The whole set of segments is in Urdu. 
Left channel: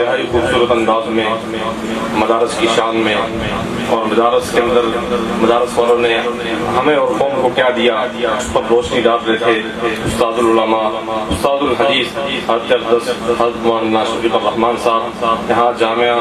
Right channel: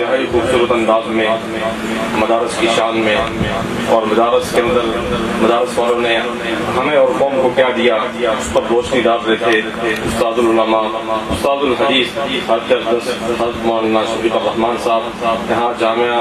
انتہائی خوبصورت انداز میں مدارس کی شان میں، اور مدارس کے اندر مدارس والوں نے ہمیں اور قوم کو کیا دیا اس پر روشنی ڈال رہے تھے استاد العلماء، استاد الحدیث حضرت مولانا شفیق الرحمان صاحب یہاں جامعہ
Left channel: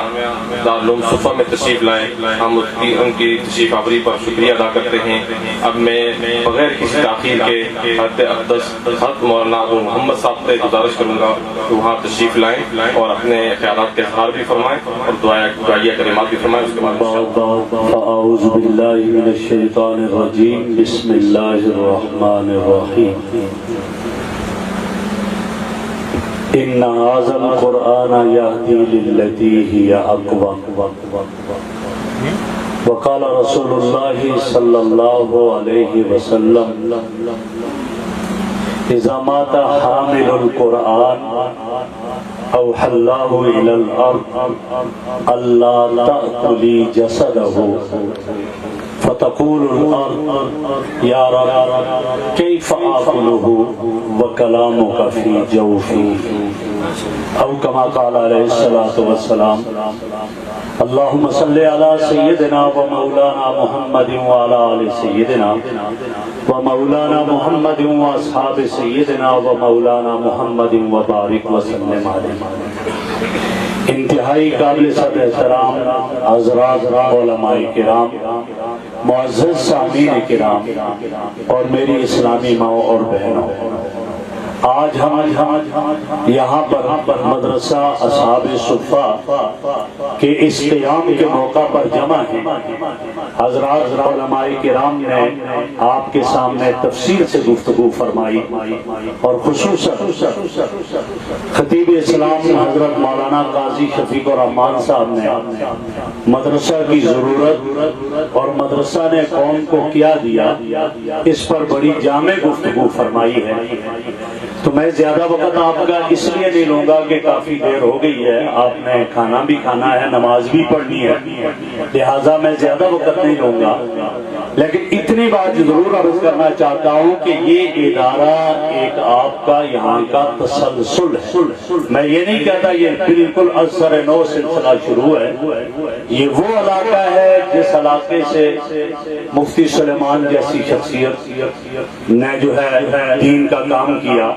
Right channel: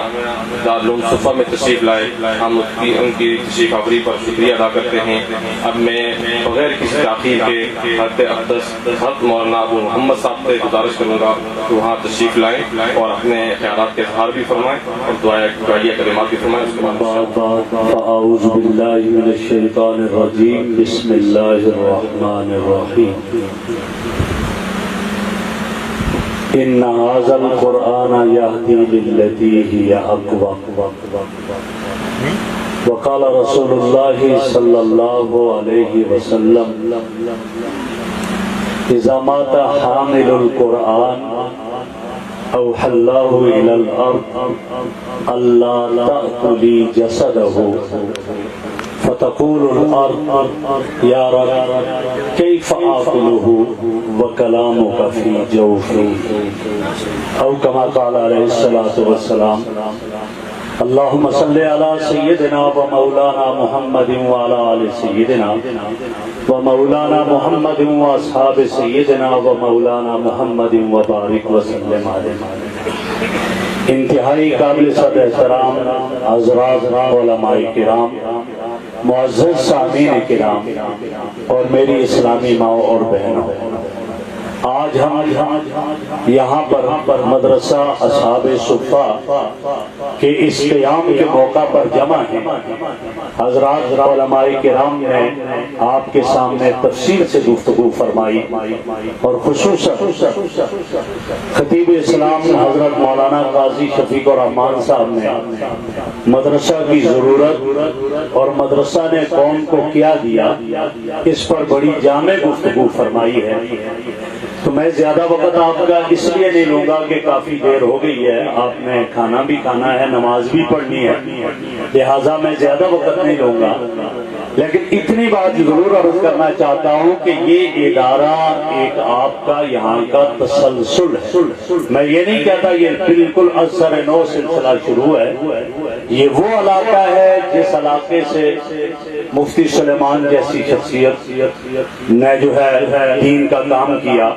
دارالعلوم صفا میں تشریف لائے. ہم ان کی تشریف آوری پر شکریہ ادا کرتے ہیں. اب میں بغیر کسی تاخیر کے حضرت اقدس حضرت مولانا ابو محمد صاحب سے گزارش کروں گا کہ وہاں تشریف لائیں اور اپنے خیالات کے اظہار بھی فرمائیں اور دعائیہ کلمات بھی فرمائیں. اعوذ باللہ من الشیطان الرجیم، بسم اللہ الرحمن الرحیم. ان ھذا القرآن یہدی للتی ہی اقوم. وقال رسول اللہ صلی اللہ علیہ وسلم اذا مات حامل القرآن اوحى الله الى الارض الا تأكلي جسده فتقول الارض يا رب كيف آكله وكلامك في جوفي، او كما قال عليه الصلاة والسلام. اللهم صل على سيدنا ومولانا محمد وعلى آل سيدنا ومولانا محمد واصحاب سيدنا ومولانا محمد وبارك وسلم عليه. انتہائی قابل صد احترام حضرات علماء کرام، معزز سامعین کرام اور میری اسلامی ماؤں اور بہنوں، آج ہم یہاں پر مدرسہ اصحاب صفا کے اس قیام کے موقع پر جمع ہیں. حضرات علماء کرام نے آپ کے سامنے تفصیل سے گفتگو فرمائی اور خصوصاً خطیب اسلام حضرت مولانا قاضی شفیق الرحمان صاحب نے مدرسہ کی ضرورت اور مدرسہ نے قوم کو کیا دیا اس پر بڑی جامع گفتگو فرمائی ہے. تو میں زیادہ وقت آپ کا اس لیے نہیں لوں گا کہ کافی دیر ہو گئی ہے، آپ نے کھانا بھی کھانا ہے، نماز بھی پڑھنی ہے، لہٰذا میں زیادہ وقت نہیں لوں گا. لیکن اتنی بات ضرور عرض کرنا چاہتا ہوں کہ یہ ادارہ ایک آپ کا یہاں کا تسلسل ہے. میں یہ نہیں کہتا یہ بالکل اثر نو سلسلہ شروع ہے. یہ وہ علاقہ ہے جس علاقے سے مفتی سلیمان جیسی شخصیت نے جو ہے دین کا کام کیا.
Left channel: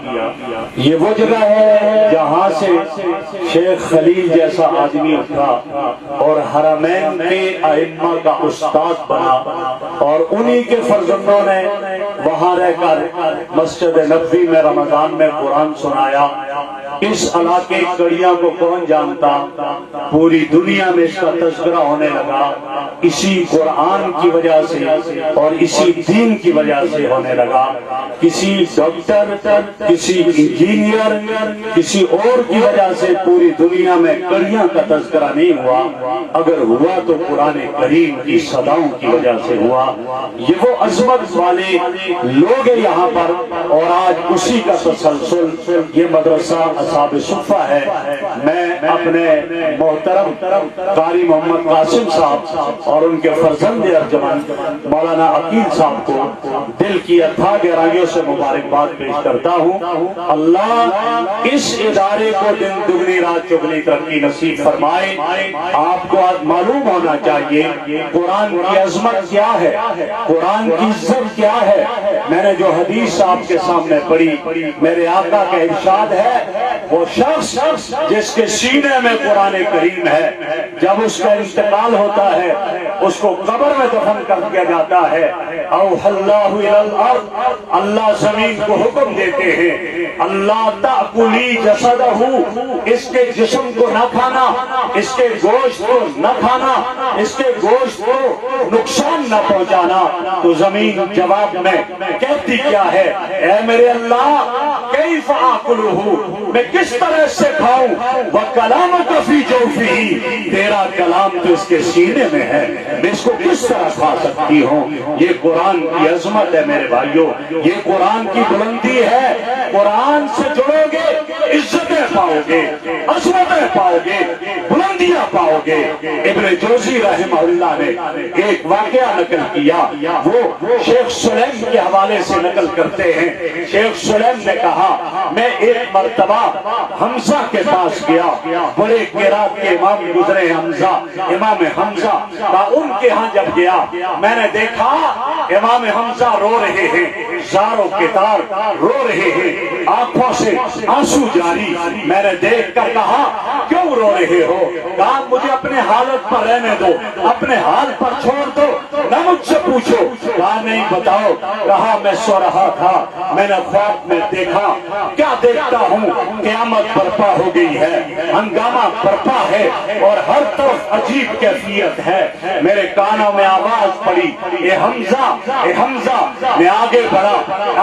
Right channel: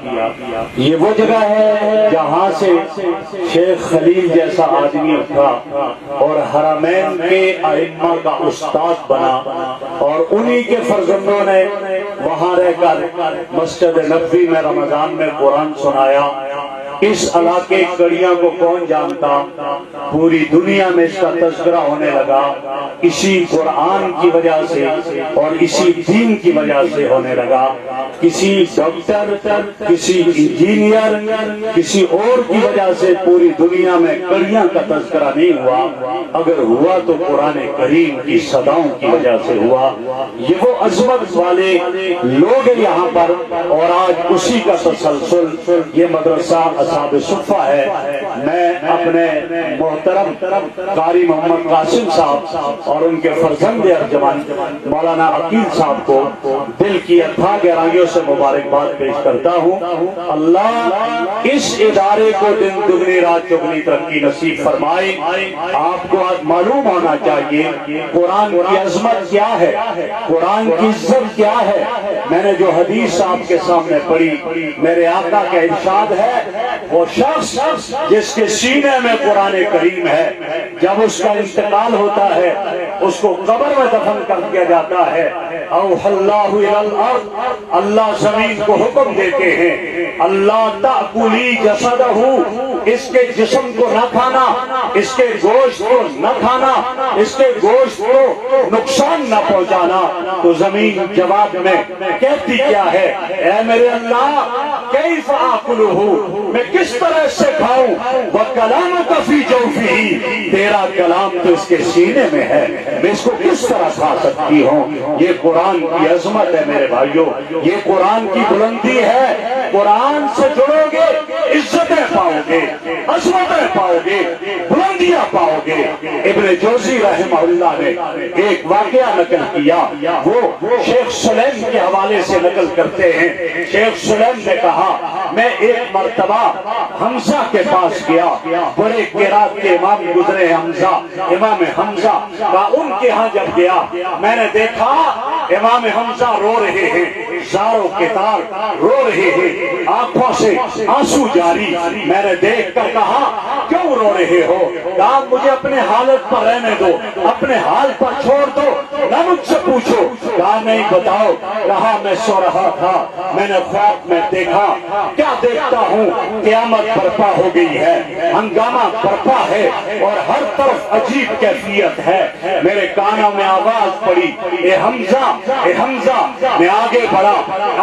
یہ وہ جگہ ہے جہاں سے شیخ خلیل جیسا آدمی اٹھا اور حرمین کے ائمہ کا استاد بنا، اور انہی کے فرزندوں نے وہاں رہ کر مسجد نبوی میں رمضان میں قرآن سنایا. اس علاقے کڑیاں کو کون جانتا، پوری دنیا میں اس کا تذکرہ ہونے لگا. اسی قرآن کی وجہ سے اور اسی دین کی وجہ سے ہونے لگا. کسی ڈاکٹر، کسی انجینئر، کسی اور کی وجہ سے پوری دنیا میں کڑیاں کا تذکرہ نہیں ہوا. اگر ہوا تو قرآن کریم کی صداؤں کی وجہ سے ہوا. یہ وہ عظمت والے لوگ ہیں یہاں پر، اور آج اسی کا تسلسل یہ مدرسہ اصحاب صفا ہے. میں اپنے محترم قاری محمد قاسم صاحب اور ان کے فرزند ارجمند مولانا عقیل صاحب کو دل کی اتھا گہرائیوں سے مبارکباد پیش کرتا ہوں. اللہ اس ادارے کو دن دگنی رات چگنی ترقی نصیب فرمائے. آپ کو آج معلوم ہونا چاہیے قرآن کی عظمت کیا ہے، قرآن کی عزت کیا ہے. میں نے جو حدیث آپ کے سامنے پڑھی، میرے آقا کا ارشاد ہے وہ شخص جس کے سینے میں قرآن کریم ہے، جب اس کا انتقال ہوتا ہے اس کو قبر میں دفن کر دیا جاتا ہے. اوحی اللہ الی الارض، اللہ زمین کو حکم دیتے ہیں اللہ تأکلی جسدہ، اس کے جسم کو نہ کھانا، اس کے گوشت کو نہ کھانا، اس کے گوشت کو نقصان نہ پہنچانا. تو زمین جواب میں کہتی کیا ہے، اے میرے اللہ کیف آکلہ، میں کس طرح سے کھاؤں، وکلامک فی جوفہ، تیرا کلام تو اس کے سینے میں ہے، میں اس کو کس طرح کھا سکتی ہوں. یہ قرآن کی عظمت ہے میرے بھائیوں، یہ قرآن کی بلندی ہے. قرآن سے جڑو گے عزتیں پاؤ گے، عظمتیں پاؤ گے، بلندی بلندیاں پاؤ گے۔ ابن جوزی رحمہ اللہ نے ایک واقعہ نقل کیا، وہ شیخ سلیم کے حوالے سے نقل کرتے ہیں۔ شیخ سلیم نے کہا میں ایک مرتبہ حمزہ کے پاس گیا، بڑے قرات کے امام گزرے حمزہ، امام حمزہ کا ان کے ہاں جب گیا میں نے دیکھا امام حمزہ رو رہے ہیں، زاروں کے تار رو رہے ہیں، آنکھوں سے آنسو جاری۔ میں نے دیکھ کر کہا کیوں رو رہے ہو؟ کہا مجھے اپنے حالت پر رہنے دو، اپنے حال پر چھوڑ دو، نہ مجھ سے پوچھو۔ کہا نہیں بتاؤ۔ کہا میں سو رہا تھا، میں نے خواب میں دیکھا، کیا دیکھتا ہوں؟ قیامت برپا ہو گئی ہے، ہنگامہ برپا ہے اور ہر طرف عجیب کیفیت ہے۔ میرے کانوں میں آواز پڑی اے حمزہ، اے حمزہ۔ میں آگے بڑھا،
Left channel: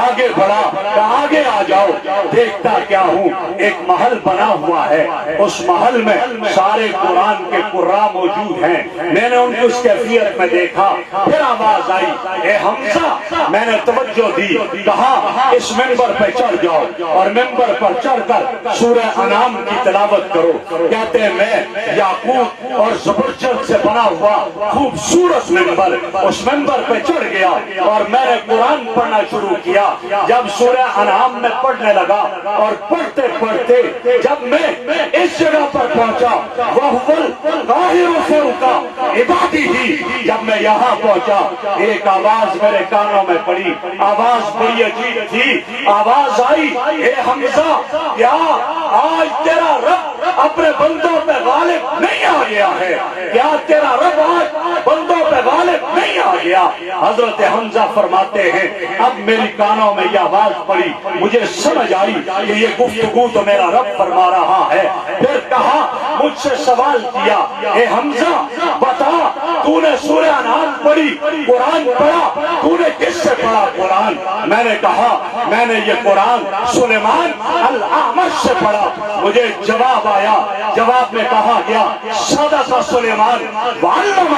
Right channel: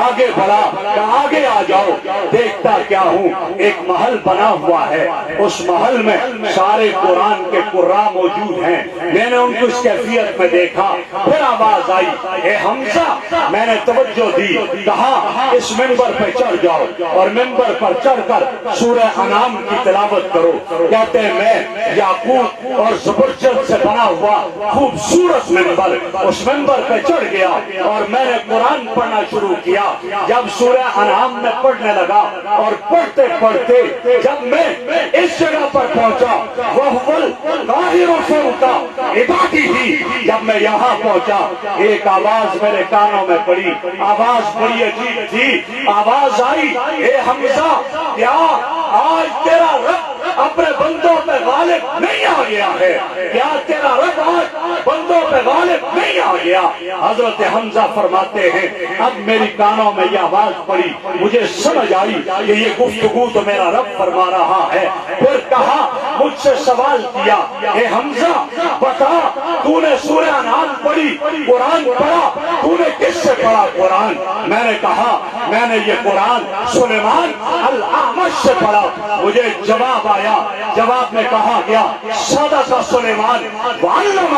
آگے بڑھا، کہا آگے آ جاؤ۔ دیکھتا کیا ہوں؟ ایک محل بنا ہوا ہے، اس محل میں سارے قرآن کے قراء موجود ہیں۔ میں نے ان کی اس کیفیت میں دیکھا، پھر آواز آئی اے حمزہ۔ میں نے توجہ دی، کہا اس منبر پہ چڑھ جاؤ اور منبر پر چڑھ کر سورہ انعام کی تلاوت کرو۔ کہتے ہیں میں یاقوت اور زبرجد سے بنا ہوا خوبصورت منبر، اس منبر پہ چڑھ گیا اور میں نے قرآن پڑھنا شروع کیا۔ جب سورہ انعام میں پڑھنے لگا اور پڑھتے پڑھتے جب میں اس جگہ پر پہنچا وہ سے رکا عبادی تھی، جب میں یہاں پہنچا ایک آواز میرے کانوں میں پڑی، آواز بڑی عجیب تھی۔ آواز آئی اے حمزہ، کیا آج تیرا رب اپنے بندوں پہ غالب نہیں آ گیا ہے؟ کیا تیرا رب آج بندوں پہ غالب نہیں آ گیا؟ حضرت حمزہ فرماتے ہیں اب میری کانوں میں یہ آواز پڑی، مجھے سمجھ آئی کہ یہ گفتگو تو میرا رب فرما رہا ہے۔ پھر کہا مجھ سے سوال کیا اے حمزہ بتا تو نے سورہ انعام پڑھی، قرآن پڑھا، تو نے کس سے پڑھا قرآن؟ میں نے کہا میں نے یہ قرآن سلیمان الاعمش سے پڑھا۔ مجھے جواب آیا، جواب میں کہا گیا صدق سلیمان وعلم،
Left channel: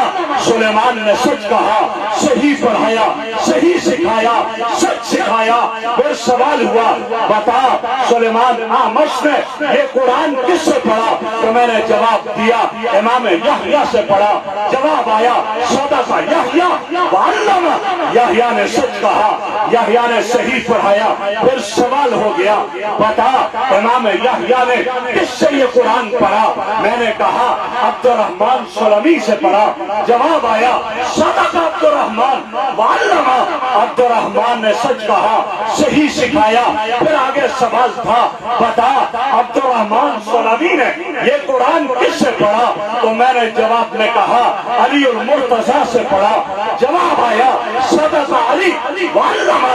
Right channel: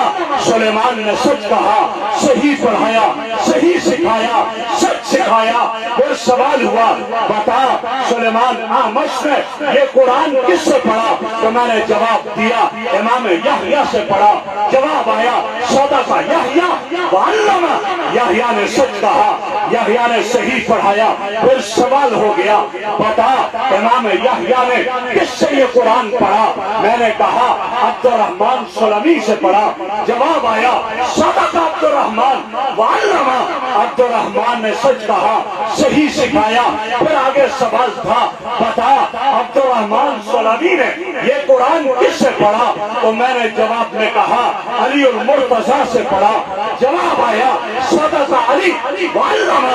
سلیمان نے سچ کہا، صحیح پڑھایا، صحیح سکھایا، سچ سکھایا۔ پھر سوال ہوا بتا سلیمان اعمش نے یہ قرآن کس سے پڑھا؟ تو میں نے جواب دیا امام یحییٰ سے پڑھا۔ جواب آیا صدق یحییٰ وعلم، یحییٰ نے سچ کہا، یحییٰ نے صحیح پڑھایا۔ پھر سوال ہو گیا بتا امام یحییٰ نے کس سے یہ قرآن پڑھا؟ میں نے کہا عبد الرحمن سلمی سے پڑھا۔ جواب آیا صدق عبد الرحمن وعلم، عبد الرحمن نے سچ کہا، صحیح سکھایا۔ پھر آگے سوال تھا بتا عبد الرحمن سلمی نے یہ قرآن کس سے پڑھا؟ تو میں نے جواب میں کہا علی المرتضیٰ سے پڑھا۔ جواب آیا صدق علی وعلم،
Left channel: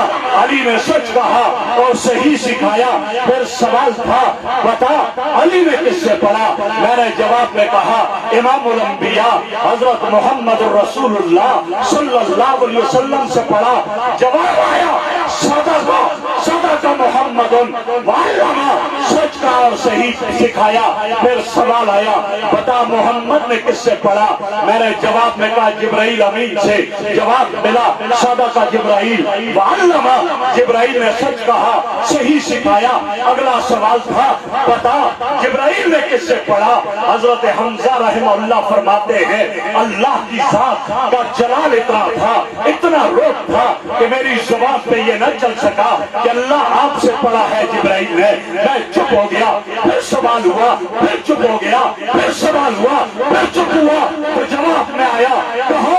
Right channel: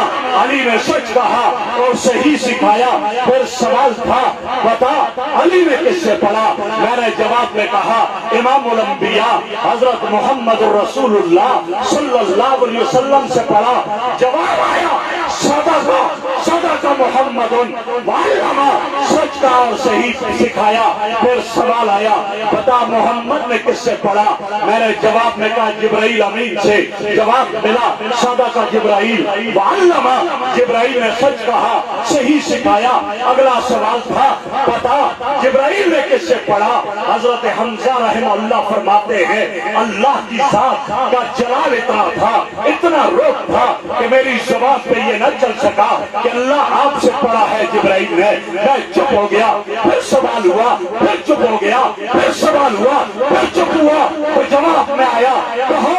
علی نے سچ کہا اور صحیح سکھایا۔ پھر سوال تھا بتا علی نے کس سے پڑھا؟ میں نے جواب میں کہا امام الانبیاء حضرت محمد الرسول اللہ صلی اللہ علیہ وسلم سے پڑھا۔ جواب آیا صدق محمد وعلم، سچ کا اور صحیح سکھایا۔ پھر سوال آیا بتا محمد نے کس سے پڑھا؟ میں نے جواب میں کہا جبرائیل امین سے۔ جواب ملا صدق جبرائیل وعلم، جبرائیل نے سچ کہا، صحیح سکھایا۔ اگلا سوال تھا بتا جبرائیل نے کس سے پڑھا؟ حضرت حمزہ رحمہ اللہ فرماتے ہیں اللہ کی ذات کا جلال اتنا تھا، اتنا روپ تھا کہ میری زبان پہ یہ نہ چل سکا کہ اللہ آپ سے پڑھا ہے جبرائیل نے۔ میں چپ ہو گیا، پھر سوال ہوا، پھر چپ ہو گیا، پھر سوال ہوا، پھر چپ ہوا۔ تو جواب میں آیا کہو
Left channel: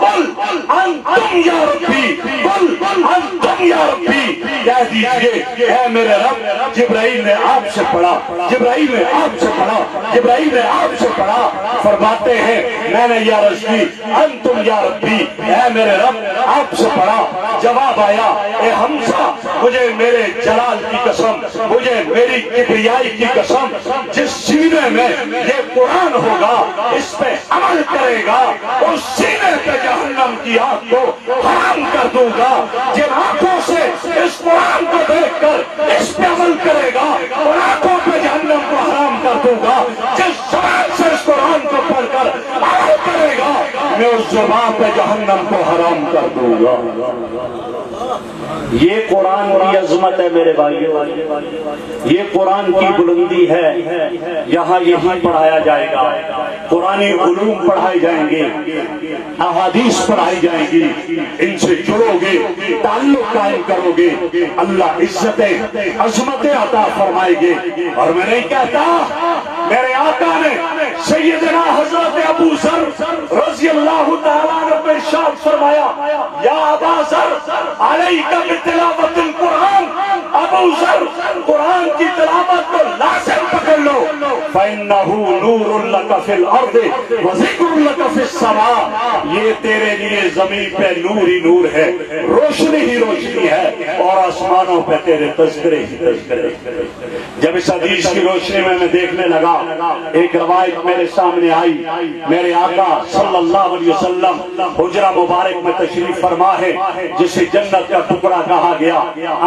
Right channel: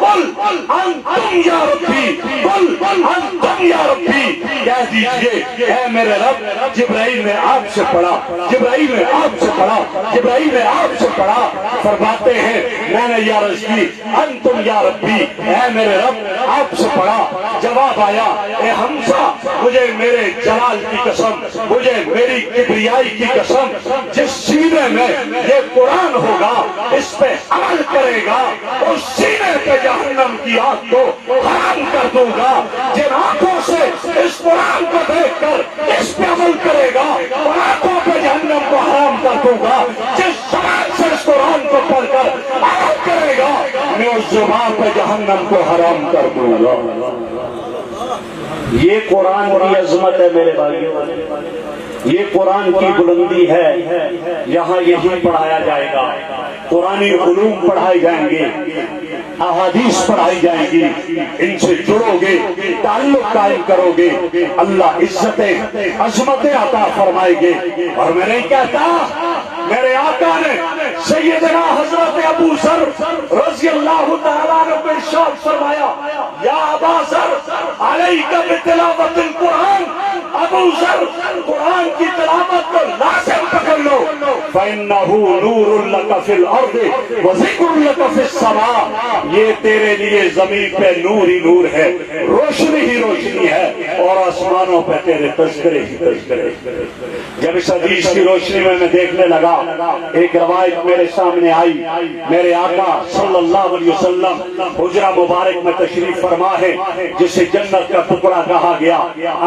قل انتم یا ربی، قل انتم یا ربی، کہہ دیجئے اے میرے رب جبرائیل نے آپ سے پڑھا، جبرائیل نے آپ سے پڑھا، جبرائیل نے آپ سے پڑھا۔ فرماتے ہیں میں نے یہ عرض کی انتم یا ربی، اے میرے رب آپ سے پڑھا۔ جواب آیا اے حمزہ مجھے میرے جلال کی قسم، مجھے میری کبریائی کی قسم، جس سینے میں یہ قرآن ہوگا اس پہ عمل کرے گا اس سینے پہ جہنم کی آگ کو حرام کر دوں گا۔ جن آنکھوں سے اس قرآن کو دیکھ کر اس پہ عمل کرے گا ان آنکھوں پہ جہنم کو حرام کر دوں گا۔ جس زبان سے اس قرآن کو پڑھ کر عمل کرے گا میں اس زبان پہ جہنم کو حرام کر دوں گا۔ یہ قرآن کی عظمت ہے میرے بھائیوں، یہ قرآن کی بلندی ہے۔ یہاں یہی پڑھایا جائے گا۔ قرآنی علوم پڑھائے جائیں گے، احادیث پڑھائی جائیں گی، ان سے جڑو گے، تعلق قائم کرو گے، اللہ عظمتیں عطا فرمائے گے۔ اور میں نہیں کہتا، میرے آقا نے سیدنا حضرت ابو ذر رضی اللہ تعالیٰ عنہ کو ارشاد فرمایا، یا ابا ذر علیک بتلاوت القرآن، ابو ذر قرآن کی تلاوت کو لازم پکڑ لو، فإنہ نور لک فی الارض وذکر لک فی السماء، یہ تیرے لیے زمین پہ نور ہی نور ہے، روشنی ہی روشنی ہے، اور آسمانوں پہ تیرے تذکرے ہی تذکرے۔ جب اس حدیث کی روشنی میں دیکھنے لگا، ایک روایت میرے سامنے آئی، میرے آقا صلی اللہ علیہ وسلم حجرہ مبارک میں تشریف فرما ہے، جسے جنت کا ٹکڑا کہا گیا،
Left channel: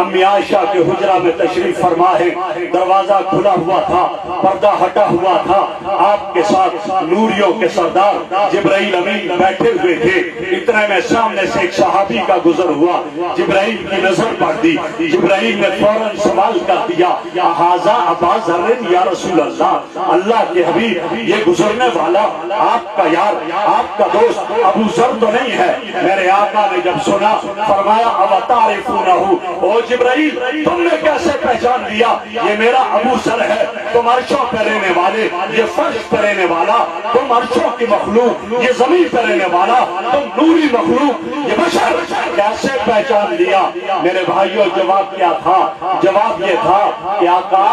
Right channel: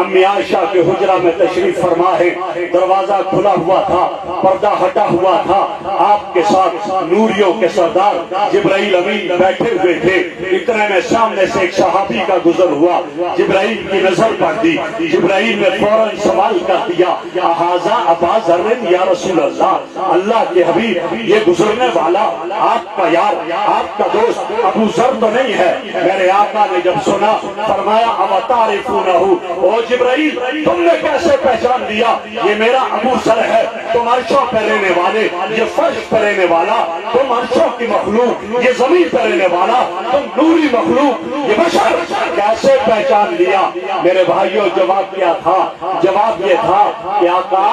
امی عائشہ کے حجرہ میں تشریف فرما ہے، دروازہ کھلا ہوا تھا، پردہ ہٹا ہوا تھا، آپ کے ساتھ نوریوں کے سردار جبرائیل امین بیٹھے ہوئے تھے۔ اتنے میں سامنے سے ایک صحابی کا گزر ہوا، جبرائیل کی نظر پڑ دی، جبرائیل نے فوراً سوال کر دیا، ھذا ابا ذر یا رسول اللہ، اللہ کے حبیب یہ گزرنے والا آپ کا یار، آپ کا دوست ابو ذر تو نہیں ہے؟ میرے آقا نے جب سنا فرمایا، اَوَ تَعْرِفُونَهُ، او جبرائیل تم نے کیسے پہچان لیا؟ یہ میرا ابو ذر ہے، تم عرشوں پہ رہنے والے، یہ فرش پہ رہنے والا، تم عرشوں کی مخلوق، یہ زمین پہ رہنے والا، تم نوری مخلوق، یہ بشر، کیسے پہچان لیا؟ میرے بھائیوں جواب کیا تھا؟ جواب یہ تھا کہ آقا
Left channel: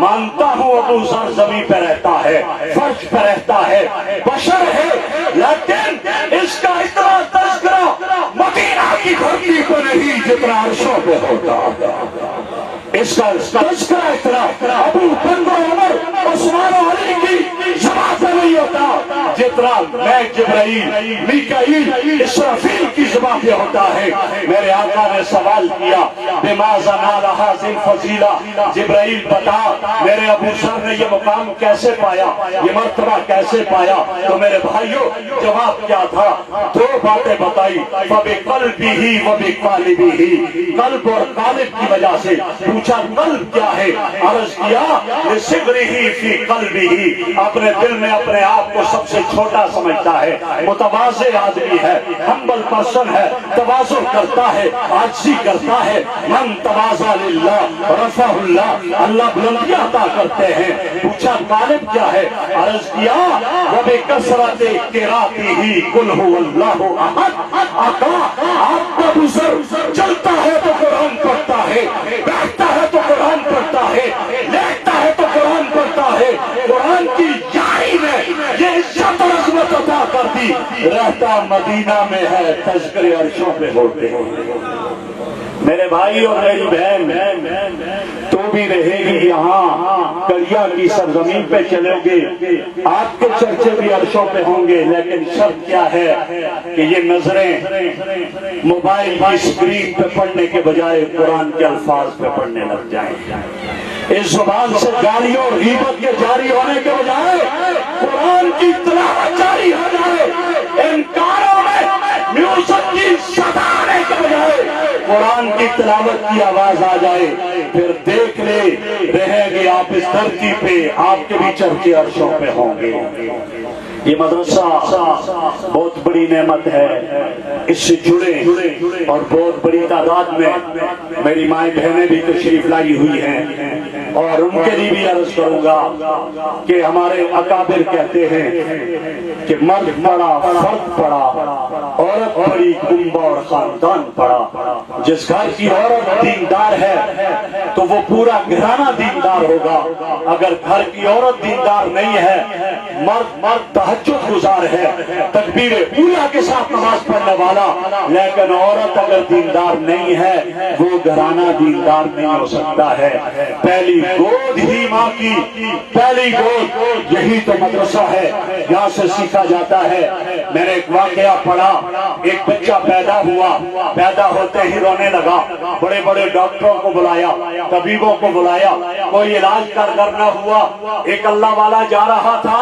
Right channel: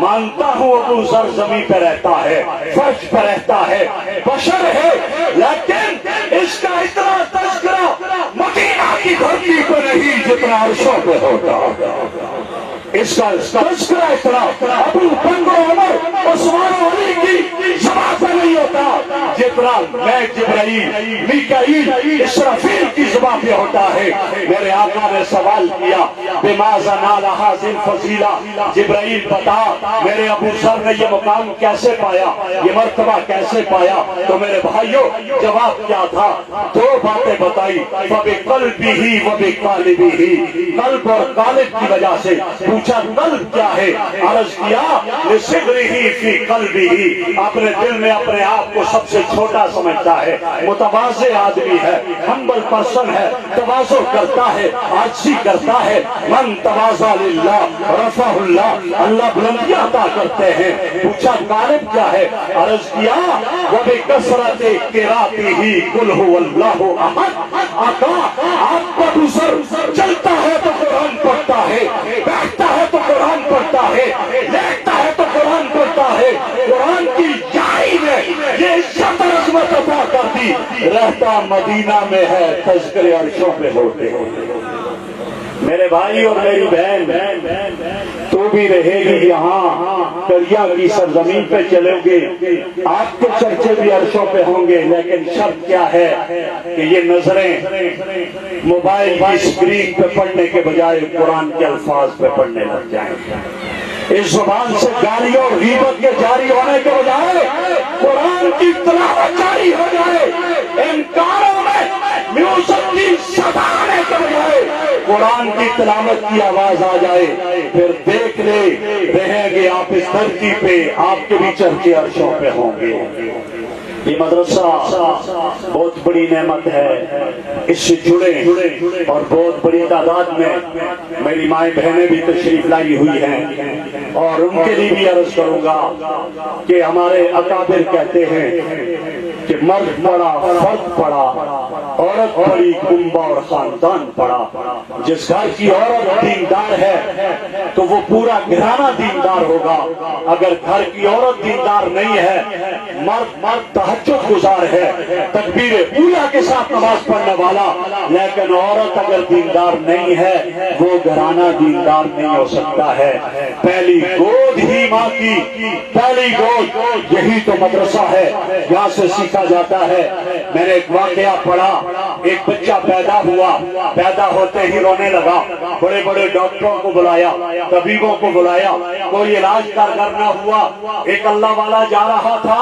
مانتا ہوں ابو ذر زمین پہ رہتا ہے، فرش پہ رہتا ہے، بشر ہے، لیکن اس کا اتنا تذکرہ مدینہ کی دھرتی پہ نہیں جتنا عرشوں پہ ہوتا۔ اس کا تذکرہ اتنا ابو بکر عمر عثمان و علی کی زبان پہ نہیں ہوتا جتنا میں جبرائیل میکائیل اسرافیل کی زبان پہ ہوتا ہے۔ میرے آقا نے سوال کیا، بماذا نال ھذہ الفضیلہ، جبرائیل بتا میرے ابو ذر نے یہ مقام کیسے پایا، یہ مرتبہ کیسے پایا؟ تو میرے بھائیوں جواب کیا تھا؟ دو باتیں بتائی، فَبِقَلْبِهِ وَبِقَالِبِهِ، قلب اور قالب کی وجہ سے۔ پوچھا قلب کیا ہے؟ عرض کیا لِصِغْرِهِ فِي قَلْبِهِ، اپنے دل میں اپنے آپ کو سب سے چھوٹا سمجھتا ہے، متواضع آدمی ہے، ہمبل پرسن ہے، تواضع کرتا ہے، عاجزی کرتا ہے۔ من تواضع للہ رفعہ اللہ، اللہ بلندی عطا کرتے ہیں۔ پوچھا قالب کیا ہے؟ عرض کیا وَبِكَثْرَةِ قِرَاتِهِ قُلْ هُوَ اللَّهُ أَحَدٌ، آقا آپ کا گزر چلتا ہے تو قرآن پڑھتا ہے، بیٹھتا ہے تو قرآن پڑھتا ہے، لیٹتا ہے تو قرآن پڑھتا ہے، قرآن کی یاری میں یہ عزت اور عظمت عطا کر دی، رہتا مدینہ میں ہے، تذکرے عرشوں پہ ہوتے ہیں۔ میرے بھائی اور میری بہن، تو بھی رہے گی یہاں، دریا کی سرزمین پہ چلیں گے، آپ کے چرچے بھی عرشوں پہ ہوں گے، لیکن شرط کیا ہے کہ یہ نظریں موبائل کی اسکرین پہ پڑھنے کے بجائے قرآن کے الفاظ پہ پڑھنے لگ جائیں۔ اس زبان سے گالیوں اور غیبت کے جاری ہونے کے بجائے قرآن کی تلاوت جاری ہو جائے، ان کانوں میں میوزک کی صدا آنے کے بجائے قرآن کی تلاوت کی آواز آ جائے، پھر دیکھ لے رہیں گے آپ اس دھرتی پہ، آپ کے بھی چرچے عرشوں پہ ہوں گے۔ یہ مدرسہ بہت بڑی نعمت ہے، اس سے جڑے اور بہت بڑی تعداد میں میری مائیں بہنیں بھی تشریف لائی ہوئی ہیں، اور ان کے لیے بھی عرض کروں گا کہ ہمارے اکابر کہتے ہیں کہ مرد پڑا، فرد پڑا، عورت پڑی، کنبہ اور خاندان پڑا۔ جس گھر کی عورت دیندار ہے تو وہ پورا گھرانہ دیندار ہوگا، اگر گھر کی عورت دیندار نہیں ہے، مرد تہجد گزار ہے، تکبیر اولیٰ کے ساتھ نماز پڑھنے والا، لیکن عورت اگر دیندار نہیں ہے وہ گھرانہ دیندار نہیں ہو سکتا ہے۔ پہلی گود ہی ماں کی، پہلی گود یہی تو مدرسہ ہے، یہاں سے سیکھا جاتا ہے۔ میں نے ایک واقعہ پڑھا ایک بچہ پیدا ہوا، پیدا ہوتے ہی رونے لگا، بڑے بڑے ڈاکٹروں کو بلایا، طبیبوں کو بلایا، کوئی علاج کارگر نہ ہوا۔ ایک اللہ والا جا رہا تھا،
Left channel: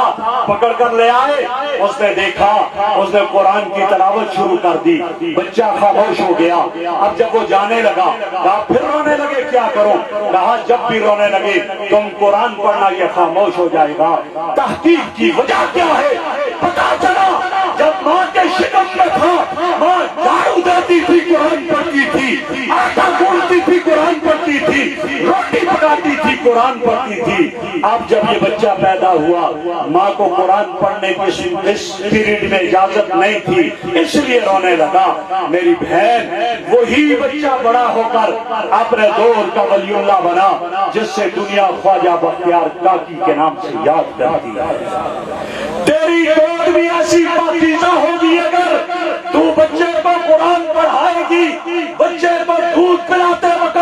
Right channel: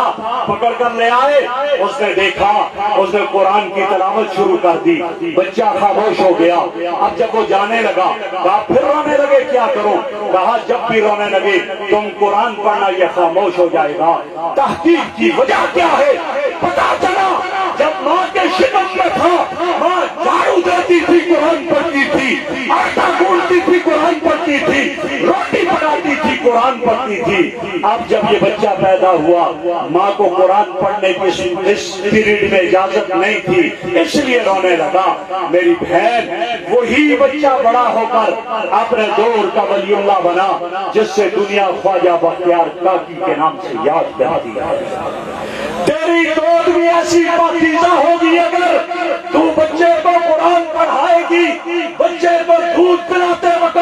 پکڑ کر لے آئے، اس نے دیکھا، اس نے قرآن کی تلاوت شروع کر دی، بچہ خاموش ہو گیا۔ اب جب وہ جانے لگا، کہا پھر رونے لگے کیا کروں؟ کہا جب بھی رونے لگے تم قرآن پڑھنا، یہ خاموش ہو جائے گا۔ تحقیق کی وجہ کیا ہے؟ پتا چلا جب ماں کے شکم میں تھا، ماں جھاڑو دیتی تھی، قرآن پڑھتی تھی، آٹا گوندتی تھی، قرآن پڑھتی تھی، روٹی پکاتی تھی، قرآن پڑھتی تھی۔ اب جب یہ بچہ پیدا ہوا، ماں کو قرآن پڑھنے کی اس پیریڈ میں اجازت نہیں تھی، اس لیے رونے لگا۔ میری بہن، وہی بچہ بڑا ہو کر اپنے دور کا ولی اللہ بنا، جس سے دنیا خواجہ بختیار کاکی کے نام سے یاد کرتی ہے۔ تیری دود بھی ایسی پاکیزہ ہوگی اگر تو بچے کو قرآن پڑھائے گی، بچے کو دودھ پلاتے وقت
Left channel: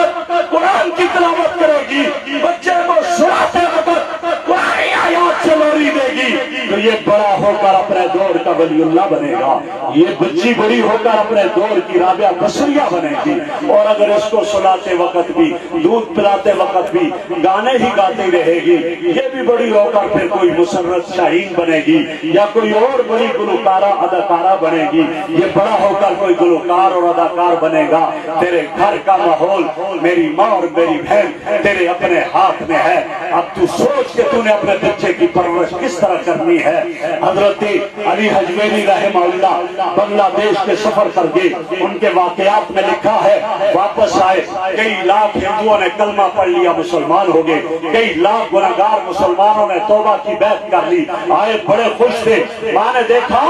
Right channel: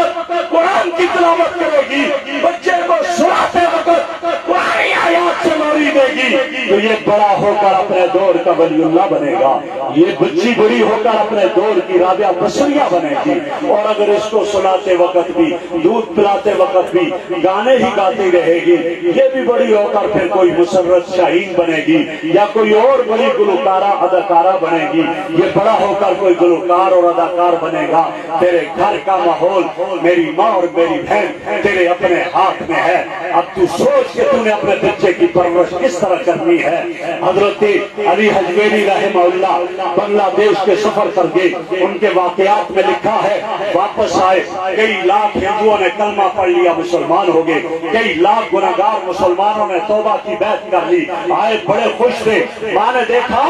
قرآن کی تلاوت کرے گی، بچے کو سلاتے وقت قرآن آیات سے لوری دے گی، تو یہ بڑا ہو کر اپنے دور کا ولی اللہ بنے گا۔ یہ بچی بڑی ہو کر اپنے دور کی رابعہ بصریہ بنے گی، اور اگر اس کو سلاتے وقت بھی، دودھ پلاتے وقت بھی گانے ہی گاتی رہے گی، یہ بھی بڑی ہو کر پھر کوئی مسرت شاہین بنے گی، یا کوئی اور بڑی گلوکارہ اداکارہ بنے گی۔ یہ بڑا ہو کر کوئی گلوکار اور اداکار بنے گا۔ تیرے گھر کا ماحول، میری ماں اور میری بہن، تیرے اپنے ہاتھ میں ہے۔ اب تو سوچ کہ تو نے اپنے بچے کی پرورش کس طرح کرنی ہے۔ حضرت علی حجویری رحمہ اللہ بنگلہ دیش کے سفر کر گئے، ان کے واقعات میں لکھا ہے، واپس آئے، کئی لاکھ ہندوؤں نے کلمہ پڑھ لیا، مسلمان ہو گئے، کئی لاکھ گناہگار مسلمانوں نے توبہ کی بیعت کر لی، آئے بڑے خوش تھے۔ ماں نے دیکھا،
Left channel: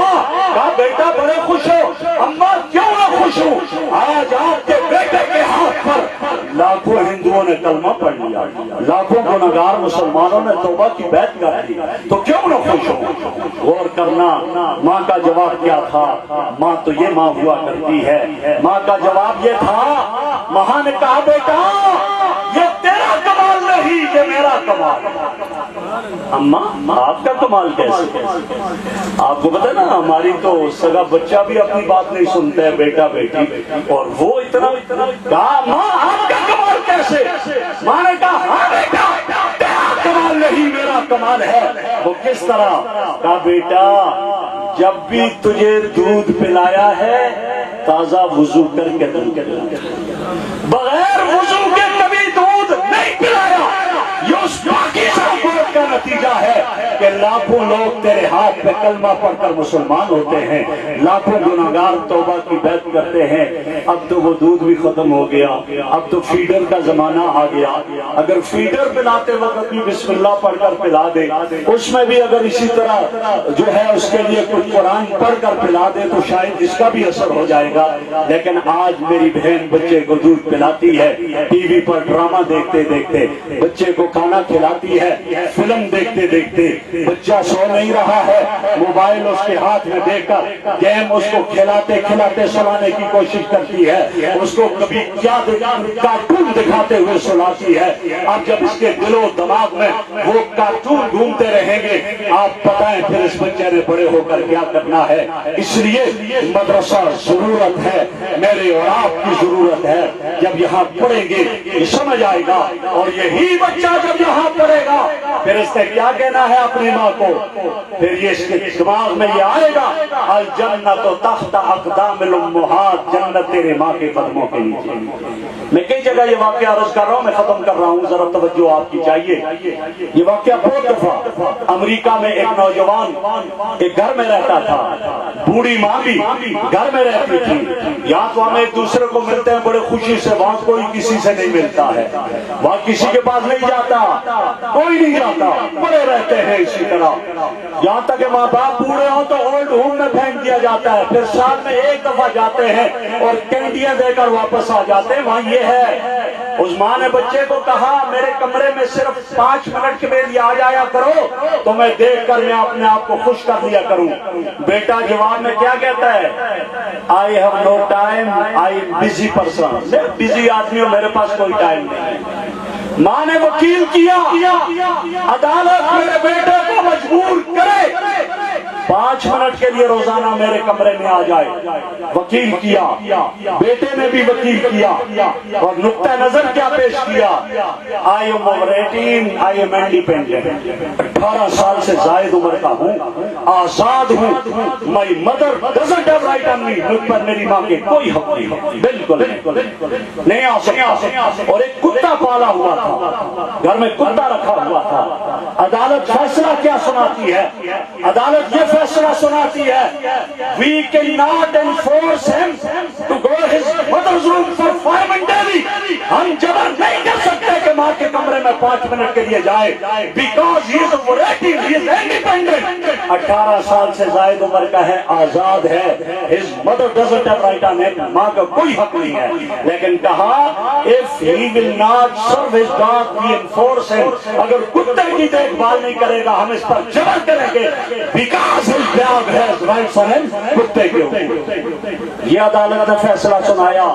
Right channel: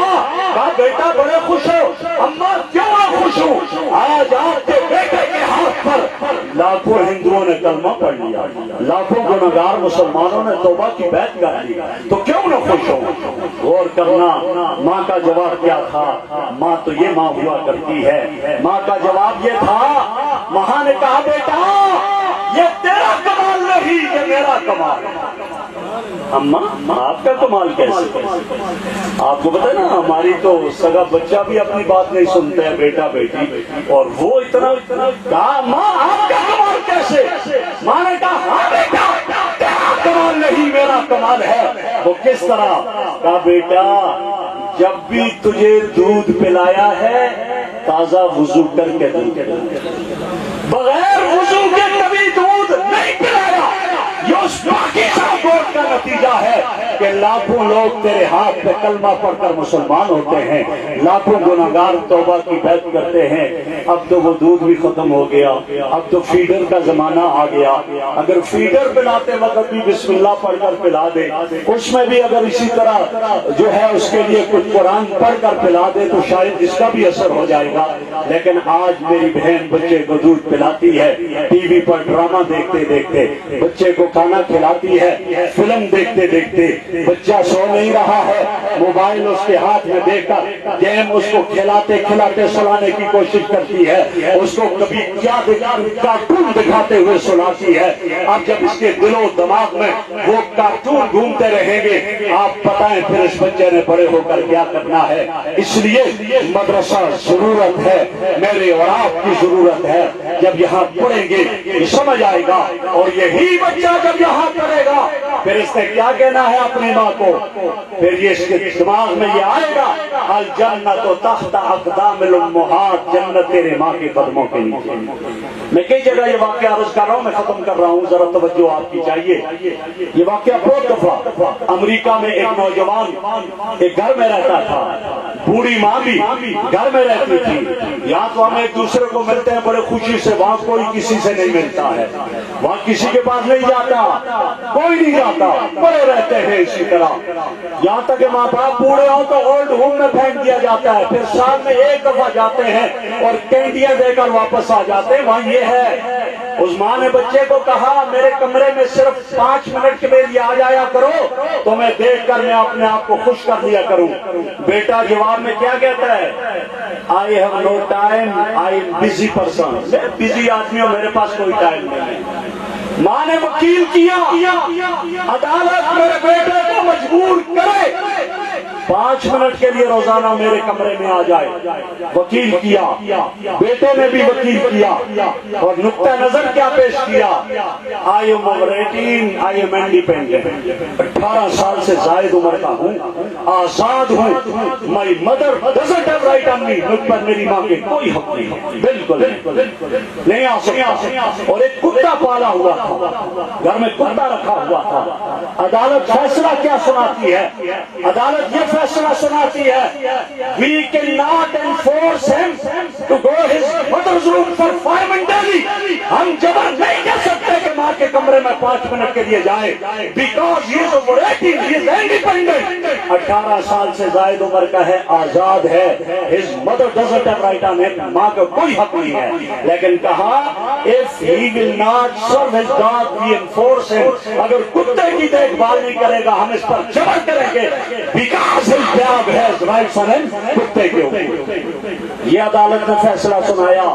کہا بیٹا بڑے خوش ہو؟ اماں کیوں نہ خوش ہوں؟ آج آپ کے بیٹے کے ہاتھ پر لاکھوں ہندوؤں نے کلمہ پڑھ لیا، لاکھوں گناہگار مسلمانوں نے توبہ کی بیعت کر لی، تو کیوں نہ خوش ہو؟ غور کرنا ماں کا جواب کیا تھا۔ ماں تو یہ ماں ہوا کرتی ہے، ماں کا جواب یہ تھا، ماں نے کہا بیٹا یہ تیرا کمال نہیں، یہ میرا کمال ہے۔ اماں آپ کا کمال کیسے؟ آپ کو پتا نا، ہماری تو سگا بچہ بھی اپنی بات نہیں سنتا ہے، بیٹا بیٹی، اور وہ اتنا کہا ماں آپ کا کمال کیسے؟ ماں نے کہا ہاں بیٹا تیرا کمال نہیں، میرا کمال ہے۔ وہ کس طرح؟ کہا بیٹا جب بھی تجھے دودھ پلایا ہے تازہ وضو کر کے دودھ، بغیر وضو کے کبھی دودھ نہیں پلایا۔ یہ اس پاکیزہ گود کا نتیجہ ہے کہ لاکھوں لوگ تیرے ہاتھ پہ کلمہ پڑھ کر مسلمان ہوتے ہیں، لاکھوں گناہگار توبہ کی بیعت کرتے ہیں۔ اب تو وہ دودھ بھی ختم ہو گیا، اب تو فیڈر کا زمانہ آ گیا۔ اگر فیڈر پلاتے وقت بھی بسم اللہ پڑھ کر پلا دے، اس میں بھی اگر اسی طرح جو ہے اس کے لیے کچھ قرآن پڑھ کر پلا دے تو شاید اس کا بھی اثر ہو جائے گا۔ لیکن آج میری بہن بچے کو دودھ پلاتی ہے، ٹی وی پر ڈرامہ دیکھتے دیکھتے، بچے کو کھانا کھلاتی ہے، فلم دیکھتے دیکھتے، بچہ سو نہیں رہا ہے، موبائل اس کے ہاتھ میں دے کر گیم اس کو کھلاتے کھلاتے سلانے کی کوشش کرتی ہے، اس کو کبھی کیا کارٹون دکھاتے ہوئے سلاتی ہے۔ اب جب اس کے دل و دماغ میں وہ کارٹون گھومتے رہیں گے، آپ بتائیں پھر اس بچے نے بڑے ہو کر کیا کرنا ہے۔ اس لیے مدرسہ ضرورت ہے، میرے اور آپ کی ضرورت ہے۔ جب یہاں پڑھیں گے یہ سمجھ آئے گا، اور یہی بچہ جب یہاں پڑھے گا پھر اس نے کیا کہنا ہے اپنی ماں کو، پھر یہ اس کے دماغ میں یہ آئے گا، الجنت تحت اقدام الامہات، جنت تیرے ماں کے قدموں کے نیچے۔ میں کئی جگہ یہ واقعہ عرض کر رہا ہوں، میں ختم کر رہا ہوں، ذرا توجہ آپ کی چاہیے۔ یہ واقعہ بہت دفعہ امریکہ میں ایک نوجوان ایک گھر میں رہتا تھا، بوڑھی ماں بھی گھر میں رہتی تھی۔ یہاں تو ہم ایک دوسرے کو ملتے ہیں بڑے خوشی سے، وہاں کوئی کسی سے نہیں ملتا ہے، وہاں کسی کے پاس نہیں جاتا، کوئی نہیں جاتا، پڑے رہتے ہیں اسی طرح، یہاں تک کہ ماں باپ بوڑھے ہوں تو اولڈ ہوم میں پھینک دیا جاتا ہے، پھر سال میں ایک دفعہ جاتے ہیں اور کینڈیاں دے کر واپس آ جاتے ہیں۔ وہاں یہ ہے، اس ماں نے بچے کو کہا میرے کمرے میں صرف 5 منٹ کے لیے آ جایا کرو تو میں دیکھ کر میں اپنے آپ کو خوش کر لیا کروں۔ بیٹا جواب میں کیا کہتا ہے؟ I have no time, I am busy person، میں بزی آدمی ہوں، میرے پاس کوئی ٹائم نہیں۔ ماں نے وکیل کیا، عدالت میرے بیٹے کو مجبور کرے 5 منٹ کے لیے روزانہ میرے کمرے میں آ جائے. وکیل کیا, بیٹے نے بھی وکیل کیا, اور نقطہ نظر کیا پیش کیا, I am over 18, I am independent, 18 سال سے زائد عمر کا ہوں, آزاد ہوں, my mother doesn't have right on me, مجھ پر میری ماں کے کوئی حق نہیں, بالکل نہیں آ سکتا. اور ایک کتا پالا ہوا تھا, گھر میں کتا رکھا ہوا تھا. عدالت فیصلہ کیا سناتی ہے؟ عدالت یہ فیصلہ سناتی ہے, we cannot enforce him to go his mother's room for 5 minutes daily. ہم جبر نہیں کر سکتے کہ ماں کے کمرے میں 5 منٹ کے لیے جائے, because he is over 18, he is independent. 18 سال سے زائد عمر کا ہے, آزاد ہے, his mother doesn't have right on him, ماں کا کوئی حق نہیں ہے. لیکن کہا if he will not serve his dog, we enforce him. اگر کتے کی دیکھ بھال نہیں کرے گا ہم اس پر جبر کریں گے, because his dog has rights on him, کتے کے اوپر. یہ عدالت نے فیصلہ سنایا.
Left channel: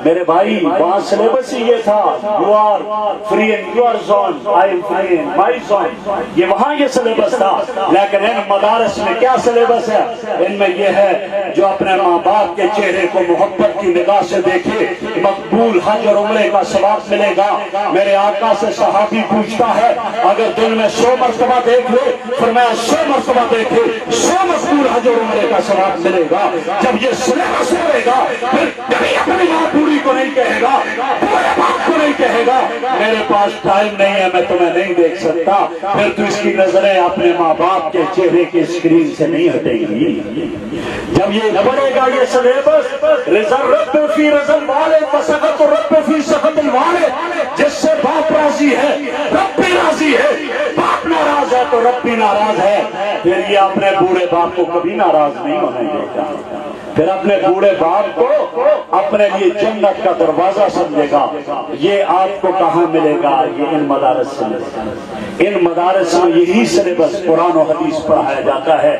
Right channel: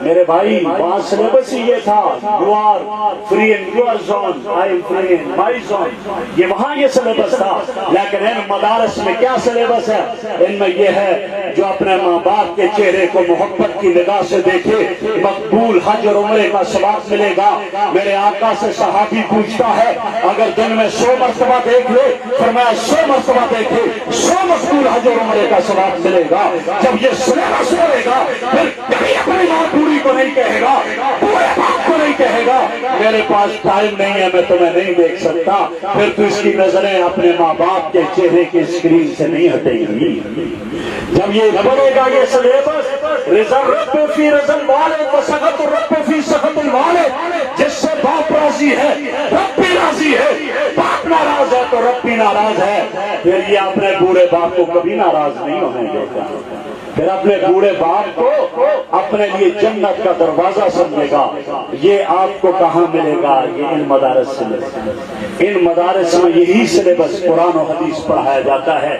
میرے بھائی وہاں سلیبس ہی یہ تھا, you are free in your zone, I am free in my zone. یہ وہاں یہ سلیبس تھا. لیکن ان مدارس میں کیا سلیبس ہے؟ ان میں یہ ہے جو اپنے ماں باپ کے چہرے کو محبت کی نگاہ سے دیکھے مقبول حج اور عمرے کا ثواب ملے گا. میرے آقا سے صحابی پوچھتا ہے اگر دن میں 100 مرتبہ دیکھ لے, فرمایا 100 مرتبہ دیکھے 100 مقبول حج اور عمرے کا ثواب ملے گا. جب یہ سلیبس ہوئے گا پھر کبھی اپنی ماں پوری کو نہیں کہے گا, پورے باپ کو نہیں کہے گا میرے پاس ٹائم نہیں ہے, میں تمہیں نہیں دیکھ سکتا. پھر تو اس کی نظریں اپنے ماں باپ کے چہرے کی اسکرین سے نہیں ہٹیں گی. جب یہ بڑھے گا یہ سلیبس, رب فی رضل والے وسخط رب فی سخط والے, جس سے باپ راضی ہے رب بھی راضی ہے, باپ ناراض ہے تو رب بھی ناراض ہے. پھر یہ اپنے بوڑھے باپ کو کبھی ناراض نہیں ہونے دیتا. پھر اپنے بوڑھے باپ کو اپنے لیے جنت کا دروازہ سمجھے گا. یہ آپ کو کہاں ملے گا؟ یہ ان مدارس سے ملے گا. ان مدارس میں یہی سلیبس قرآن و حدیث پڑھایا جاتا ہے.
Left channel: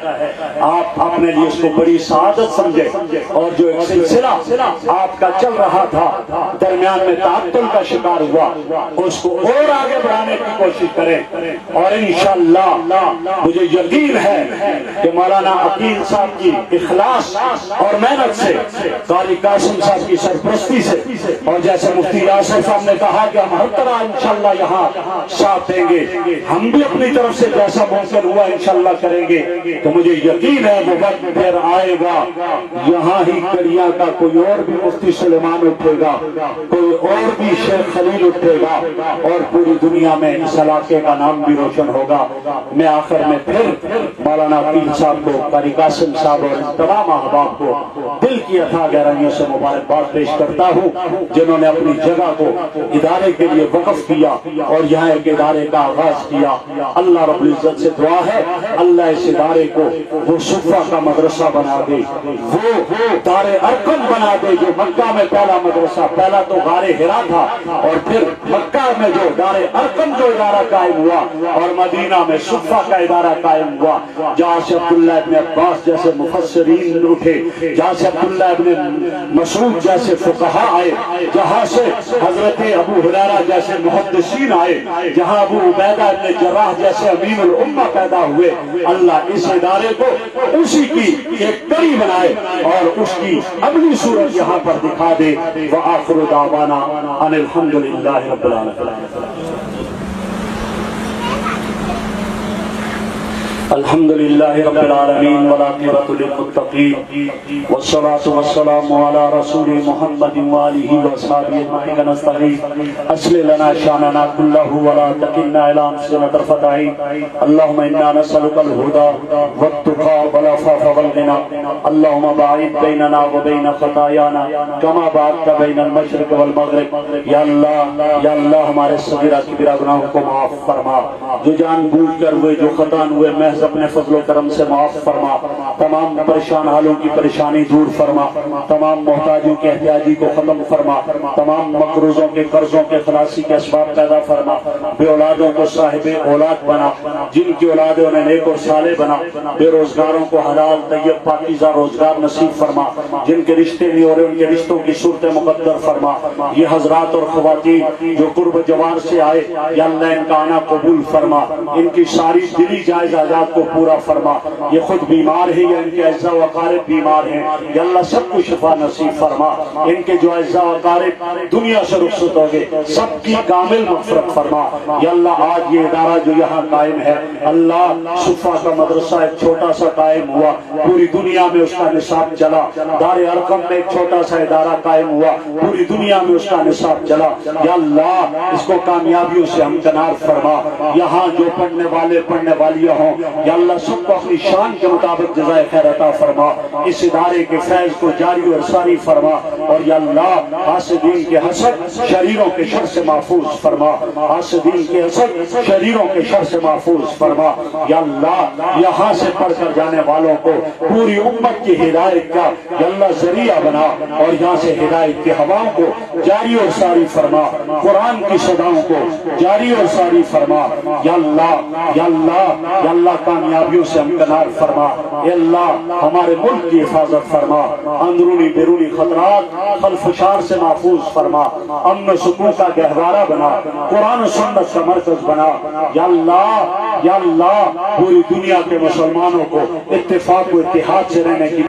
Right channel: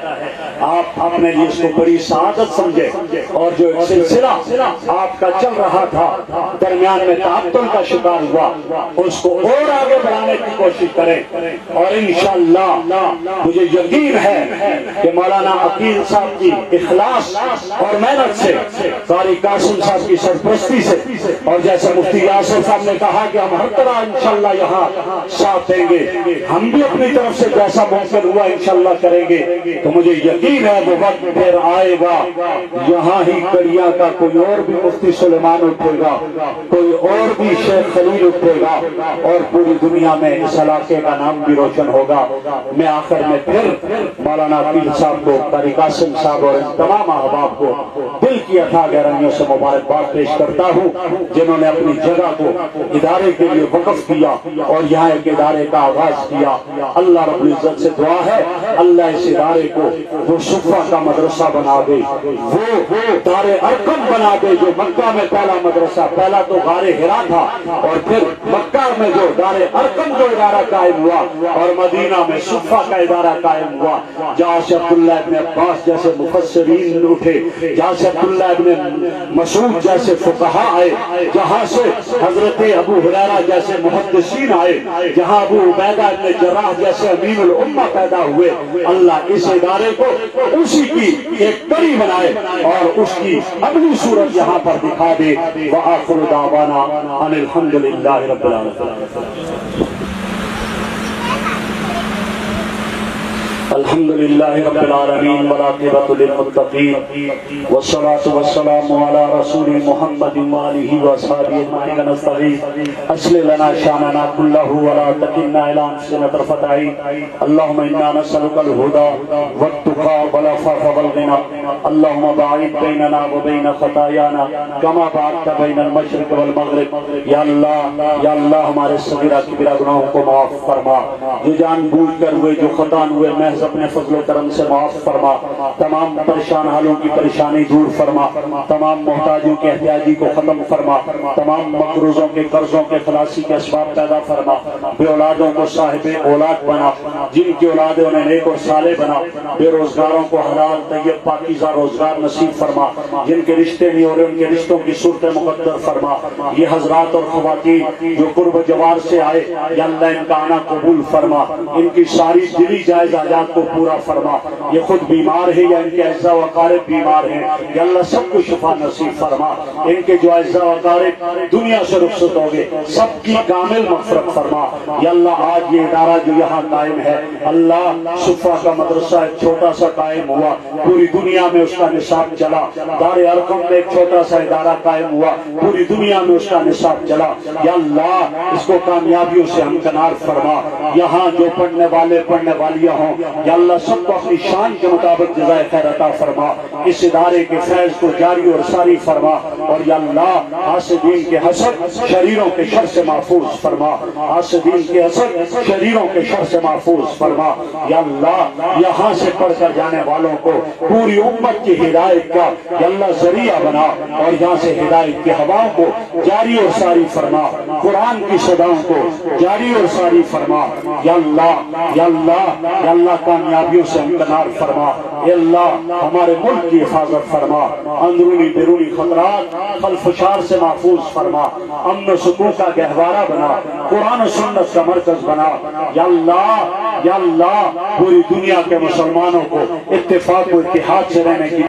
آپ اپنے لیے اس کو بڑی سعادت سمجھے, اور جو ایک سلسلہ آپ کا چل رہا تھا درمیان میں تعطل کا شکار ہوا, اس کو اور آگے بڑھانے کی کوشش کریں. اور انشاءاللہ مجھے یقین ہے کہ مولانا عقیل صاحب کی اخلاص اور محنت سے, قاری قاسم صاحب کی سرپرستی سے, اور جیسے مفتی یاسر صاحب نے کہا کہ ہم ہر طرح انشاءاللہ یہاں ساتھ دیں گے, ہم بھی اپنی طرف سے جیسا ممکن ہوا انشاءاللہ کریں گے. تو مجھے یقین ہے وہ وقت پھر آئے گا یہاں ہی کڑیاں کا کوئی اور بھی مفتی سلیمان اٹھے گا, کوئی اور بھی شیخ خلیل اٹھے گا, اور پوری دنیا میں اس علاقے کا نام بھی روشن ہوگا. میں آخر میں پھر مولانا عقیل صاحب کو, قاری قاسم صاحب اور تمام احباب کو دل کی اتھا گہرائیوں سے مبارکباد پیش کرتا ہوں, جنہوں نے اپنی جگہ کو ادارے کے لیے وقف کیا اور یہاں ایک ادارے کا آغاز کیا. اللہ رب العزت سے دعا ہے اللہ اس ادارے کو وہ صفہ کا مدرسہ بنا دے, وہ دار ارقم بنا دے, جو مکہ میں پہلا مدرسہ, پہلا تو غار حرا تھا, اور پھر مکہ میں جو دار ارقم جو ادارہ قائم ہوا, اور مدینہ میں صفہ کا ادارہ قائم ہوا, جہاں سے عبداللہ ابن عباس جیسے مفسرین اٹھے, جہاں سے عبداللہ ابن مسعود جیسے فقہا آئے, جہاں سے حضرت ابو ہریرہ جیسے محدثین آئے, جہاں ابو عبیدہ ابن جراح جیسے امین الامہ پیدا ہوئے. اللہ اس ادارے کو اسی کی ایک کڑی بنائے اور اس کی اگلی صورت یہاں پر دکھا دے. وآخر دعوانا ان الحمدللہ رب العالمین. الحمد لله رب العالمين والعاقبة للمتقين والصلاة والسلام على رسول محمد وآله وصحبه أجمعين. نستغيث أصلح لنا شأننا كله ولا تكلنا إلى أنفسنا طرفة عين. اللهم إنا نسألك الهدى والتقى والعفاف والغنى. اللهم باعد بيننا وبين خطايانا كما بعدت بين المشرق والمغرب. یا اللہ ہمارے صغیرہ کبیرہ گناہوں کو معاف فرما, جو جان بوجھ کر ہوئے جو خطا ہوئے محض اپنے فضل و کرم سے معاف فرما. تمام پریشان حالوں کی پریشانی دور فرما, تمام محتاجوں کے احتیاجی کو ختم فرما, تمام مقروضوں کے قرضوں کے خلاصی کے اسباب پیدا فرما. بے اولادوں کو صاحب اولاد بنا, جن کی اولاد انہیں نیک اور صالح بنا. بے روزگاروں کو حلال طیب پاکیزہ روزگار نصیب فرما, جن کے رشتے نہیں ہو رہے ان کے رشتوں کی صورت مقدر فرما. یہ حضرات اور خواتین جو قرب جوار سے آئے, یا اللہ ان کا آنا قبول فرما, ان کی ساری دلی جائز آزاد احتیاجات کو پورا فرما. یہ خود بیمار ہے یا ان کے اعزاء و اقارب بیمار ہیں، یا اللہ سب کو شفا نصیب فرما. ان کے جو اعزاء و اقارب دنیا سے رخصت ہو گئے سب کی کامل مغفرت فرما. یا اللہ آج یہ ادارہ جو یہاں قائم ہے، اللہ صفا کا مدرسہ ایک چھوٹا سا قائم ہوا، پوری دنیا میں اس کا نصاب چلا. دار ارقم میں ایک چھوٹا سا ادارہ قائم ہوا، پوری دنیا میں اس کا نصاب چلا. یا اللہ اس کو کامیابیوں سے ہمکنار فرما. یہاں جو پڑھنے والے پڑھنے والیاں ہوں، یا اللہ سب کو اپنی شان کے مطابق جزائے خیر عطا فرما. اس ادارے کے فیض کو جاری اور ساری فرما. اور یا اللہ حاسدین کے حسد شریروں کے شر سے محفوظ فرما. حاسدین کے حسد شریروں کے شر سے محفوظ فرما. یا اللہ یہاں سے پڑھ کر جانے والوں کو پوری امت کی ہدایت کا یا اللہ ذریعہ بنا، اور یہاں سے ہدایت کی ہواؤں کو جاری اور ساری فرما. قرآن کی صداؤں کو جاری اور ساری فرما. یا اللہ یا اللہ یا اللہ کامیابیوں سے امکنار فرما. اے اللہ ہمارے ملک کی حفاظت فرما. اندرونی بیرونی خطرات خلفشار سے محفوظ فرما. امن و سکون کا گہوارہ بنا. قرآن و سنت کا مرکز بنا. یا اللہ پوری دنیا کے مسلمانوں کو اتفاق و اتحاد سے رہنے کی